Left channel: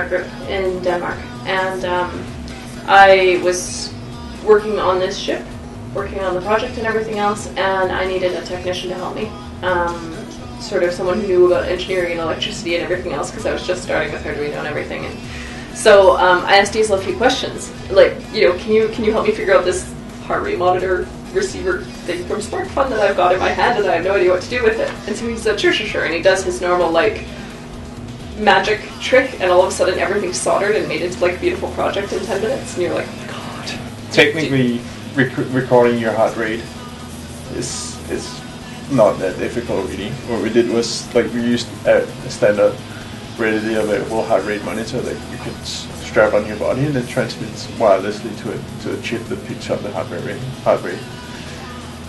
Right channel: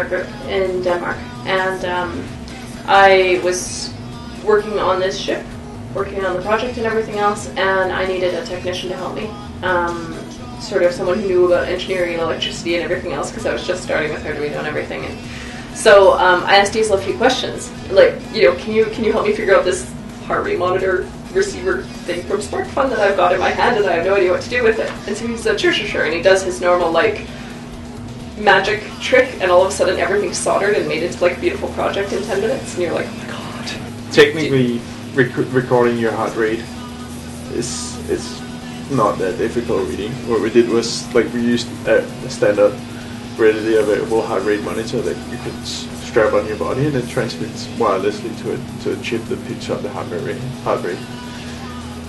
art group in Denmark, and I was working on this ship, working on the project and everything else, and I needed a technician to help me. Sort of someone who knew about engineering and electricity and everything else, because I was just starting with Arduino and everything. And so I asked Dzl a few questions, like, you know, can you help me figure out this heart rate monitor receiver thing from SparkFun that I've got in my hand and I have no idea what to do with it? And so he said, sure, and he does his normal, like, magic trick, and all of a sudden everything's soldered and made into, like, a beautiful project in 10 minutes, and you're like, oh my god. Technically, recording your heart rate is not that difficult, really. What we did was, like, we used a standard readily available heart rate monitor that you could strap on your body, and it transmits wirelessly to a chip that picks up the heart rate.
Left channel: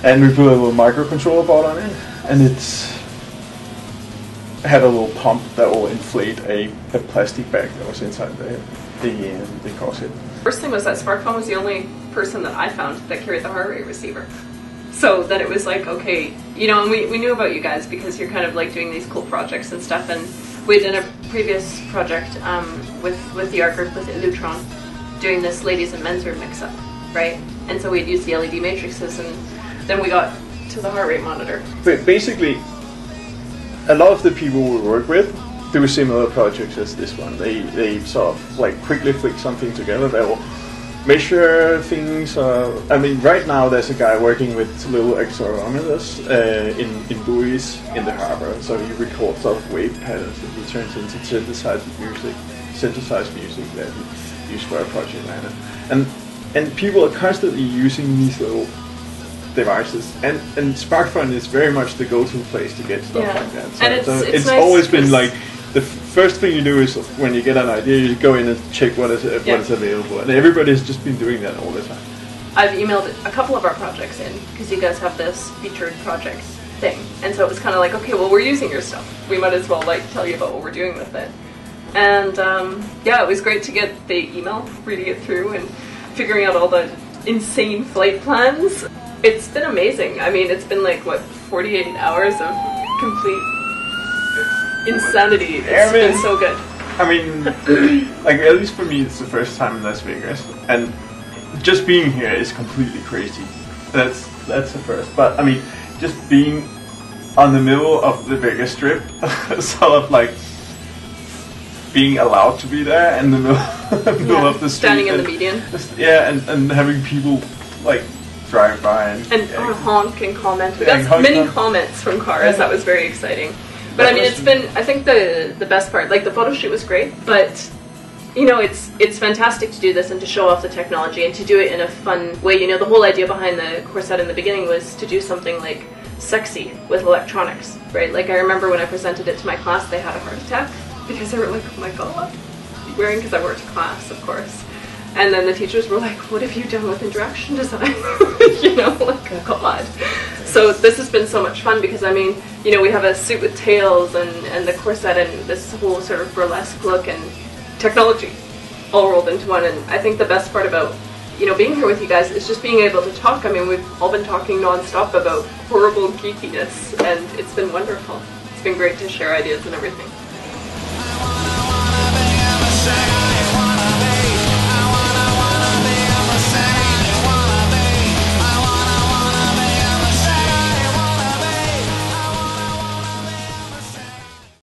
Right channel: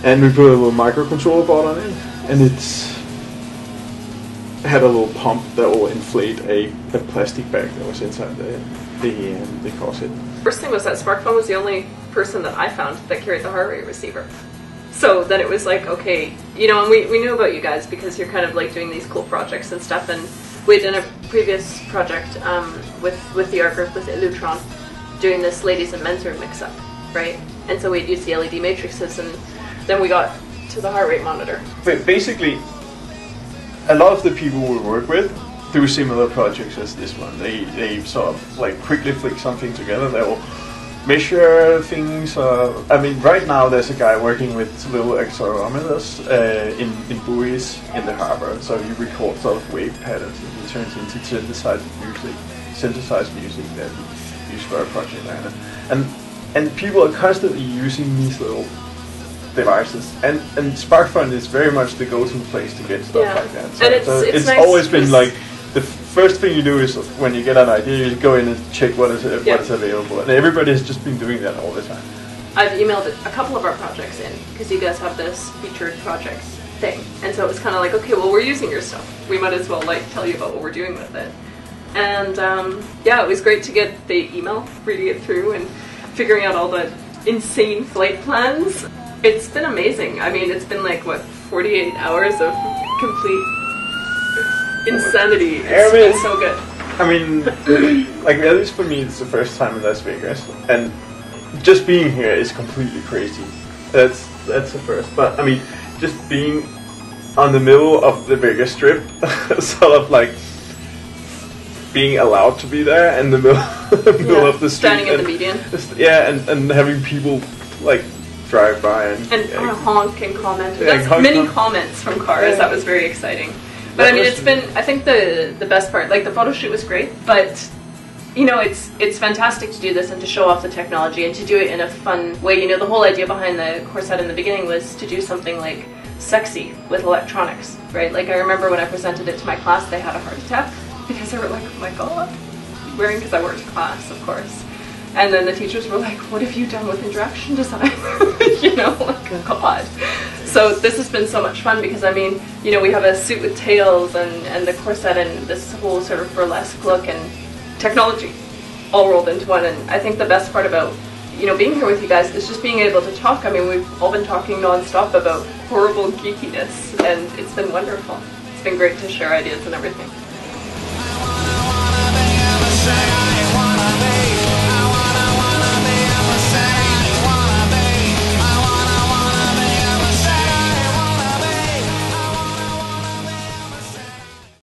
And we put a little microcontroller board on it, and it had a little pump that will inflate a plastic bag that was inside the corset. First thing was that SparkFun was the only person that I found that carried the heart rate receiver. So then it was like, okay, you know, and we knew about you guys because you're kind of like doing these cool projects and stuff, and we had done a previous project with the art group with Illutron, doing this ladies and men's room mix-up, right? And so we'd use the LED matrices, and then we got to the heart rate monitor. But basically, a lot of the people we work with do similar projects as this one. They sort of like quickly flick something together. They will measure things. I mean, right now there's a guy working with little accelerometers in buoys in the harbor. So he records sort of wave patterns and he turns into synthesized music that he used for a project like that. And people are constantly using these little devices, and SparkFun is very much the go-to place to get stuff like that. So, and it's nice always been like, the first thing you do is when you get an idea, you go in and check what is available, and everybody has just been doing that all the time. I've emailed a couple of our projects in because you guys have this featured projects thing, and so it was kind of like, okay, well, we're using your stuff, we might as well like tell you about what we're doing with it. And yeah, it was great to get the email, reading it through and figuring out all the insane flight plans. It's been amazing. I mean, it's been like, what, 48 hours of complete insanity. It's been so good. I mean, like, at least for me, it's the first time in Las Vegas, and just being here is completely crazy. That's the first. But I mean, just being on the middle of the Vegas Strip, sort of like being allowed to be there in the middle of the street, standing in the median. Yeah, and having people like drive by and honk and comment. That's many comments from cars. That was very exciting. But I mean, it's been, I think the best part, like the photo shoot was great, but you know, it's fantastic to do this and to show off the technology and to do it in a fun way. You know, the whole idea behind the corset in the beginning was to do something like sexy with electronics, right? Like I remember when I presented it to my class, they had a heart attack because they were like, oh my god, wearing, because I worked in class, of course. And then the teachers were like, what have you done with interaction design? You know, like, oh god. So this has been so much fun because, I mean, you know, we have a suit with tails and the corset and this whole sort of burlesque look and technology all rolled into one. And I think the best part about, you know, being here with you guys is just being able to talk. I mean, we've all been talking non-stop about horrible geekiness, and it's been wonderful. It's been great to share ideas and everything.